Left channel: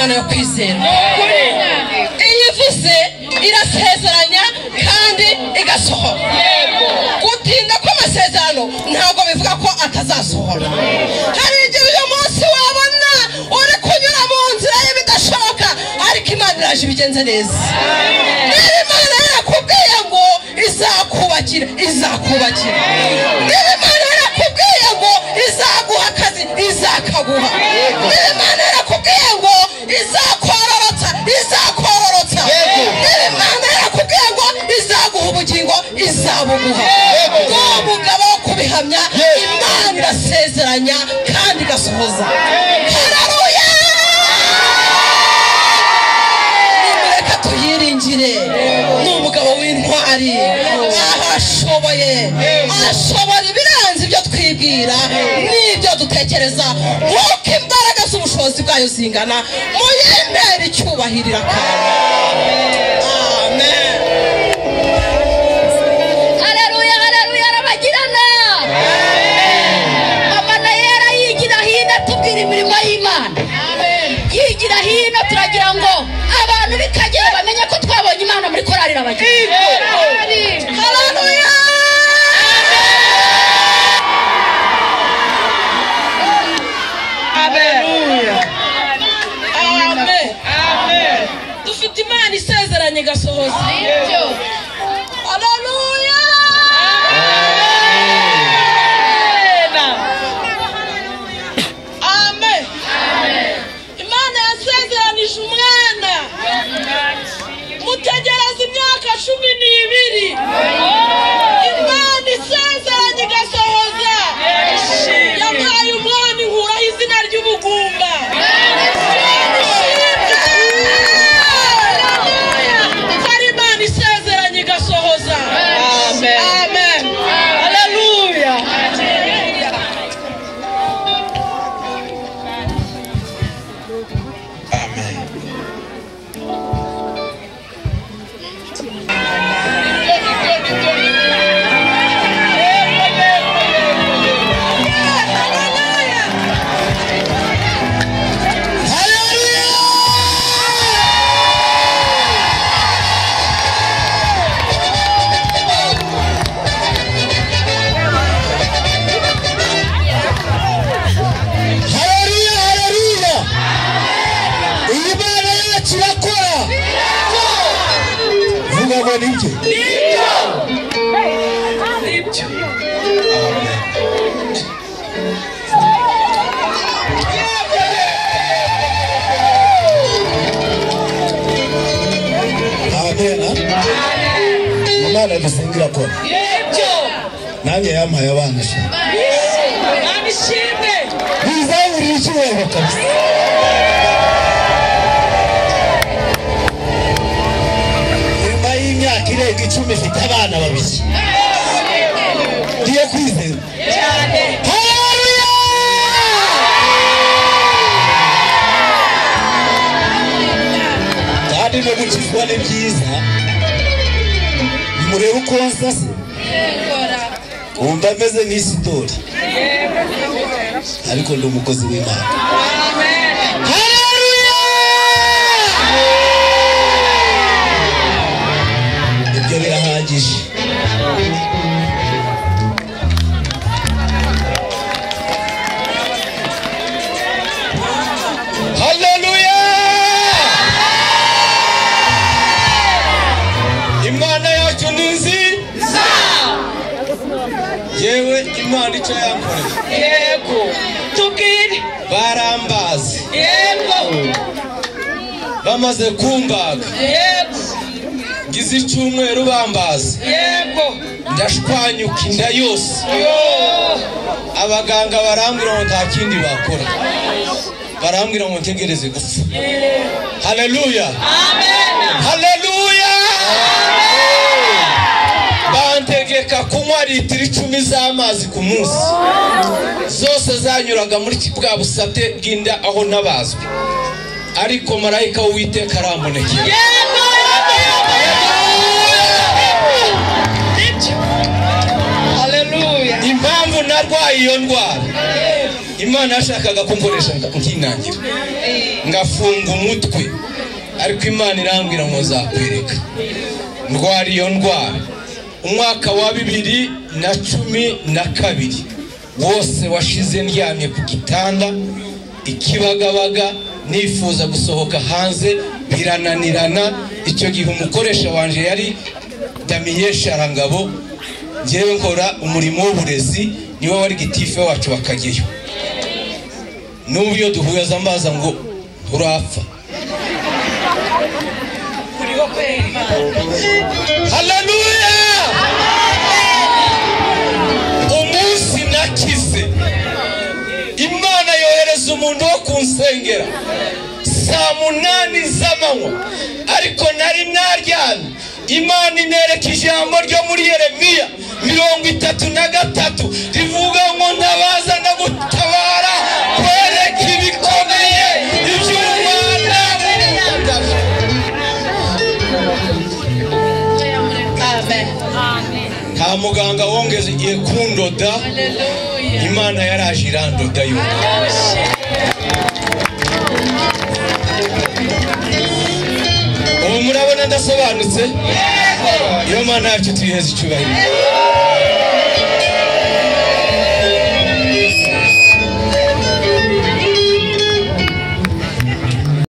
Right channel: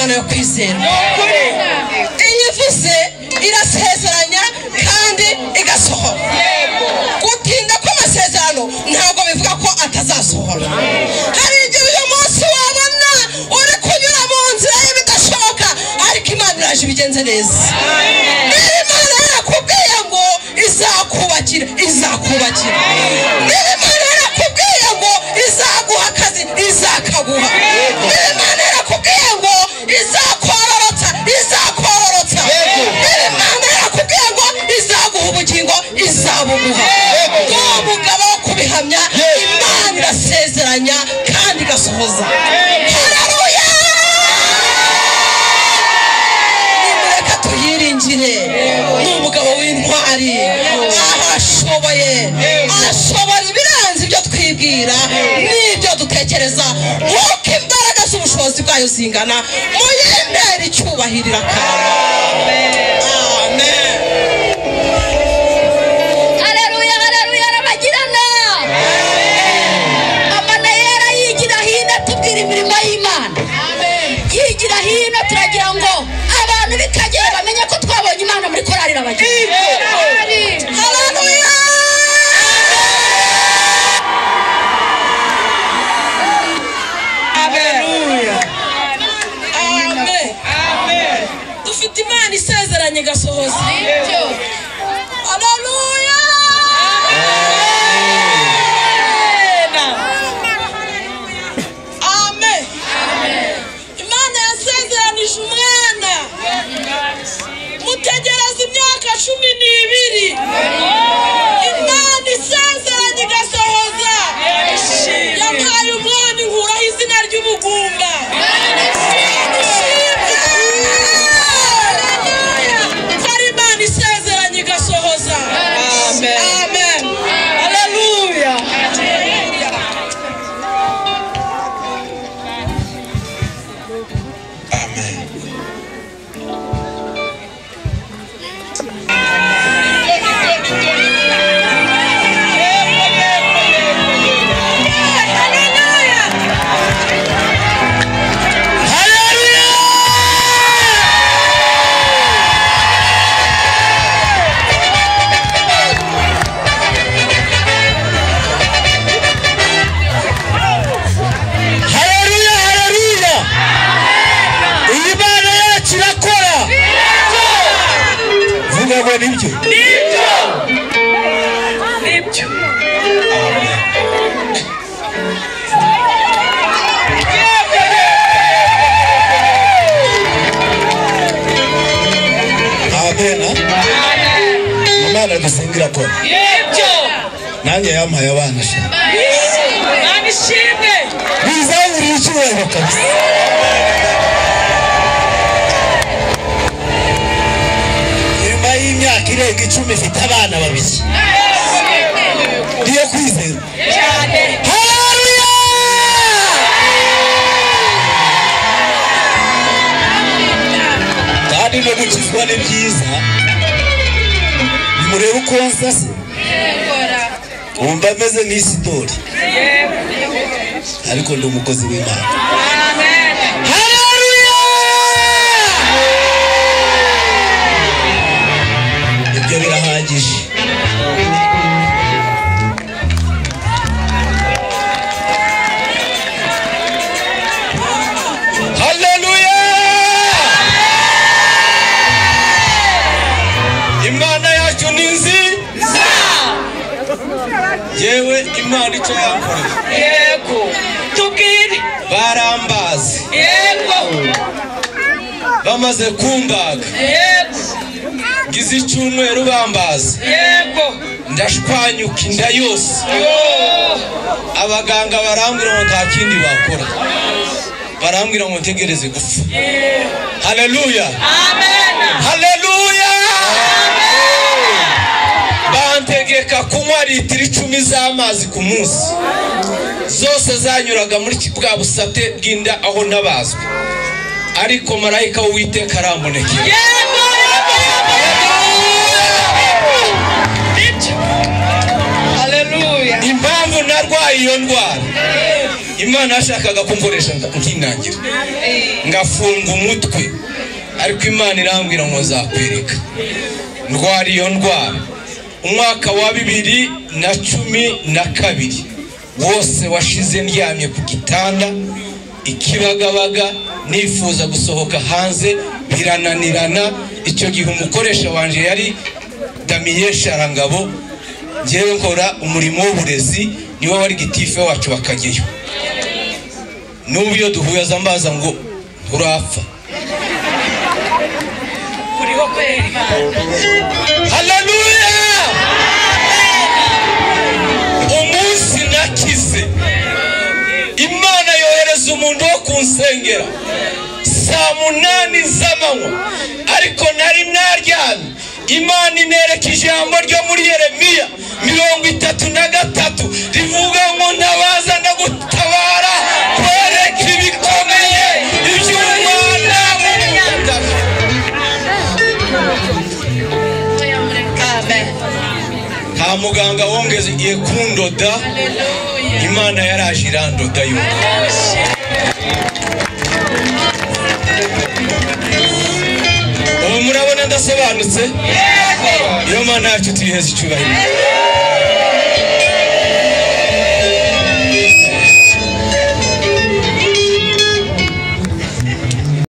Imana yo kwizera iyivuze irasezeranya kandi igasohora gutinda kw'amasezerano ntabwo bivuga ko atazasohora hari igihe uyu munsi wabona uri kunyura mu nzira y'ibidashoboka ariko Imana iraje ibigenze neza niba Imana yarakubwiye ngo izakubakira izakubakira niba Imana yarakubwiye ngo izaguha akazi izakaguha niba Imana yarakubwiye ngo izakororotsa izakororotsa niba Imana yarakubwiye ngo izaguha ubugingo izabuguha n'umugabo wo kubihamya Imana irasezeranya kandi igasohoza. Haleluya! nimureka tuyiringire n'umugabo w'intwari arashoboye ibirenze ibyo twibwira n'ibyo dutekereza nk'uko imbaraga z'ubushobozi bwayo zingana muyembere icyubahiro amen. Haleluya, haleluya, Rabagirana. Amana yera yigira hino tubwira imirimo y'Imana. Yigira hino turagira ngo abantu b'Ikageyo bamenye ko twabonye Imana muri Chorale Rabagirana. Haleluya. Dufite Imana isezeranye igasohoza. Haleluya! Amen. Imana yasezeranije umwana mutegereza imyaka 12. Imana isezeranye igasohoza. Yampaye umwana inkuraho izina ry'ubugumba. Amen. Hallelujah. Amen. Imana dusengira ko nanjye yampaye abana ishimwe bizangirira icyubahiro kabisa. Nyuma y'imyaka irenga 10 mfite abana babiri ndiye kwizera cyane. Haleluya! kandi no gukizwa ni byiza. Nimurebe uko nsase wumva ameze nk'isitori ariko ndi umukozi w'Imana. Haleluya! ibyo birahagije. Haleluya! Imana yacu ni nziza. Yewe Imana icyo yankoreye. yego tubwire Barambazi. yego Bamaze kumbaga. yego Gize icyumweru bambaza. yego Ndashwanyuka inda yose. Abaganga barambwira ngo nta kindi bakora. Barambwira ngo ntegereze gupfa. Haleluya! amen. Haleluya! Bantegeka kunywa litiro 10 z'amazi ku munsi. Zose zanyuraga muri bwa busate bw'inda aho nabazwe. Ariko marayika w'Uwiteka arambonekera. Yego Haleluya! Impamvu narwaye iyo ndwara Imana yashakaga kunkoresha nkinangira ngafunga umutwe, ariko Imana irambwira ngo nzakwereka. Ndwara iyo ndwara umwaka wa 2012 wose washize ndyamye ku gitanda ikibagabaga, nifuza gusohoka hanze birananirana. Icyo gihe umukoresha wanje yari Damiye Sharangabo, ngewe nkora umurimo w'uburezi, niwe wari gitife wacu wa Kageyo. N'ubu iyo duhuye azambaza ngo urapfa. Haleluya! Umunsi nakize Imana yohereza umuntu wo kunsengera saa 8 z'amanywa, ariko nari naryamye. Imana inereka ijambo ryo muri Yeremiya 33 rivuga ngo nabaza ndagutabara kwereka ibikomeye iby'Imana. Nta muganga wongeze igiye kundoda, Imana yaraje irandoda yo. Ubu murabona ndasobanutse? Iyo Mana yacu tuyiheze icyubahiro.